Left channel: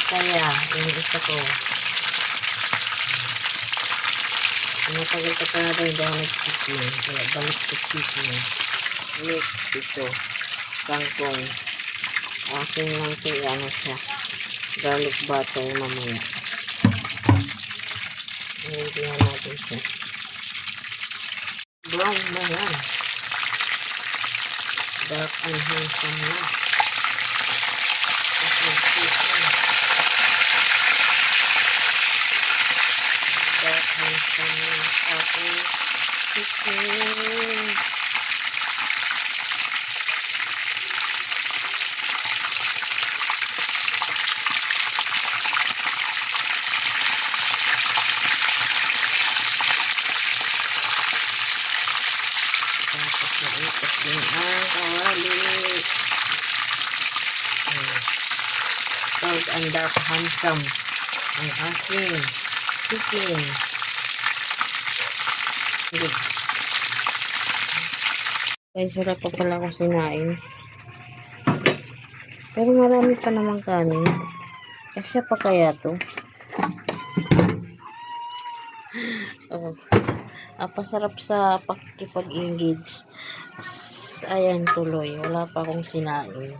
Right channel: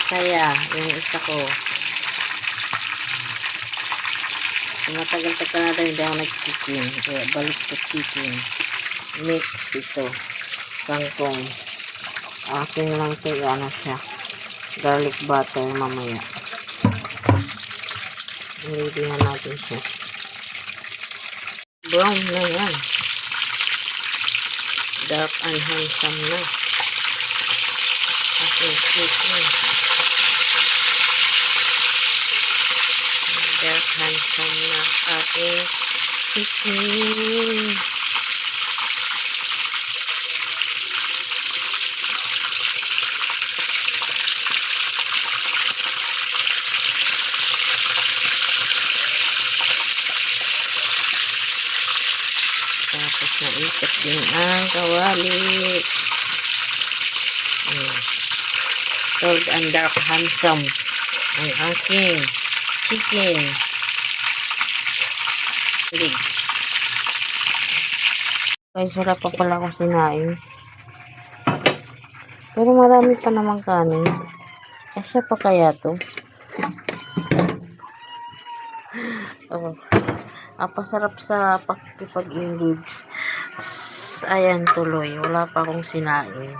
masaya yung isa ko. Matagal pa talaga hindi ako nag-chicken. Kaya balik sa chicken. Mix ito. Kangkong. Aking lang ito, ano siya. Garlic butter mamaya. Nililihan natin siya. Brown na yan. Dark and handsome na. Okay, chicken. Dark handsome na. Okay, chicken. Tapos naikot din ang kawali. Cold and dark handsome ang aking chicken legs. Guys, wala pa pala akong sinain. Pero marami pa namang kanin. Kasya pa kaya to? Oh. Pasarap sa pakikipag-engage. Ayan, tuloy. Wala pa akong sinain.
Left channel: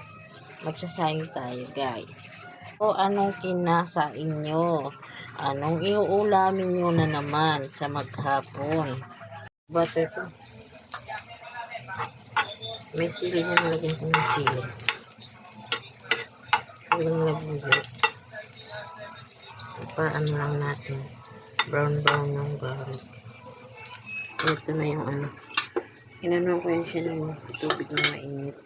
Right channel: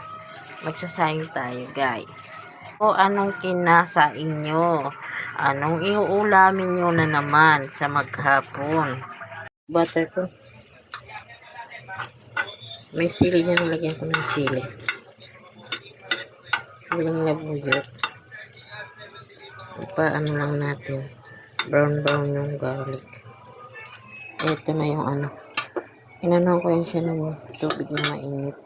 Magsasaing tayo, guys. O anong kinasain nyo? Anong iuulamin nyo na naman sa maghapon? Butter to. May sili na, nilagyan ko ng sili. Walang labuyot. Ano lang natin. Brown yung garlic. Ito na yung ano. Inanon ko yan siya ng tubig na mainit.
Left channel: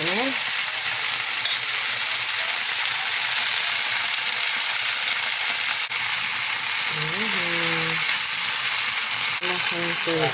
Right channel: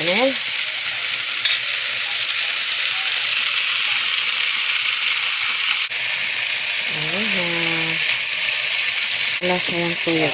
Ayan. Wala sa yung tuyo.